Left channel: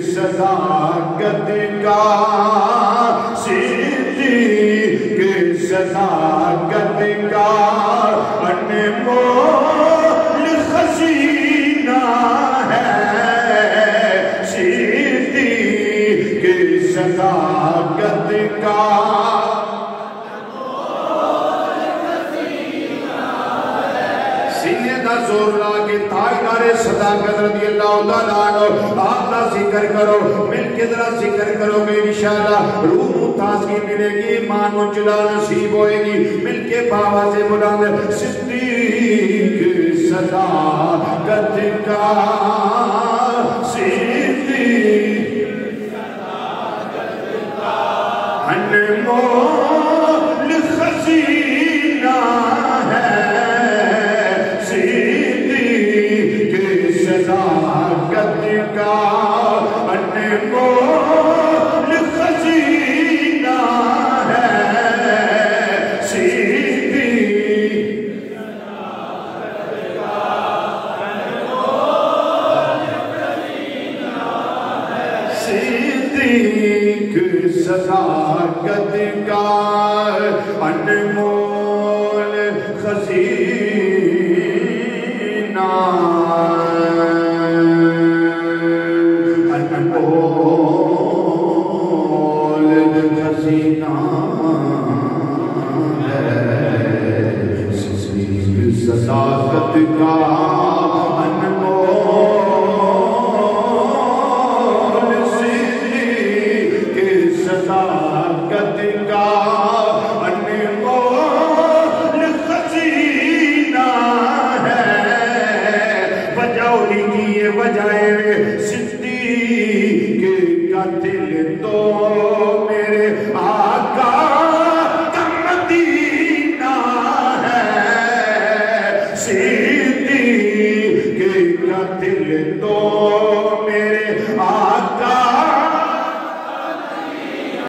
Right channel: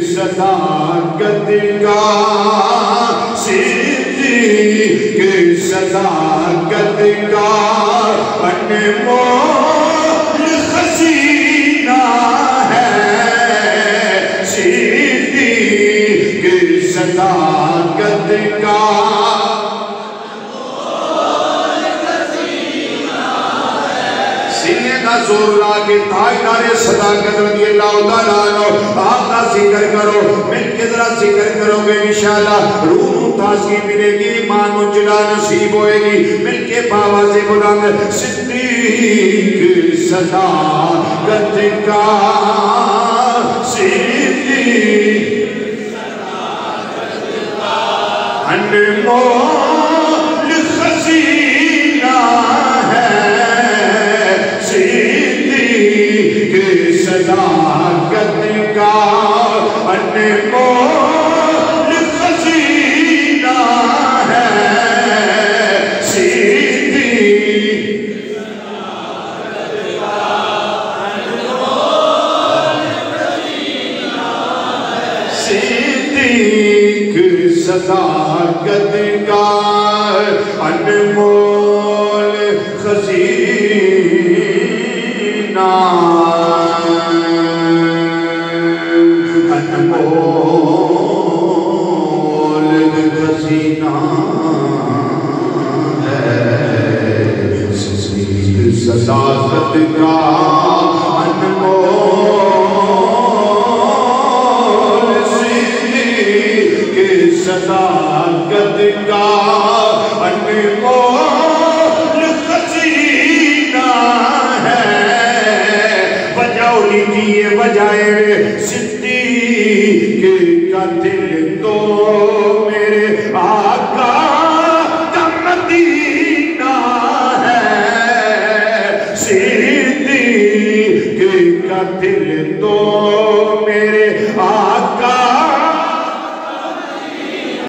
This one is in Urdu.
صداقت کا صدیق صداقت کا انمول خزینہ ہے صدیق صداقت کا سینے کا زور لاغی تائنارے صداقت رضی اللہ تعالیٰ عنہ آپ کا ذکر کرو مل کے ذرا ذکر کرو گے انشاءاللہ روح تازگی ملے گی ایمان و جلا نصیب ہوئے گی مل کے باوا سے بلند صدیق صداقت کا صدیق انمول خزینہ ہے صدیق صداقت کا انمول خزینہ ہے صدیق صدیق صداقت کا انمول خزینہ انمول خزینہ ہے صدیق صداقت کا صداقت کا انمول خزینہ ہے بجاؤ لیجیے بجائے صدیق کا دل تو میرے آقا کا مدینہ ہے صدیق کا دل تو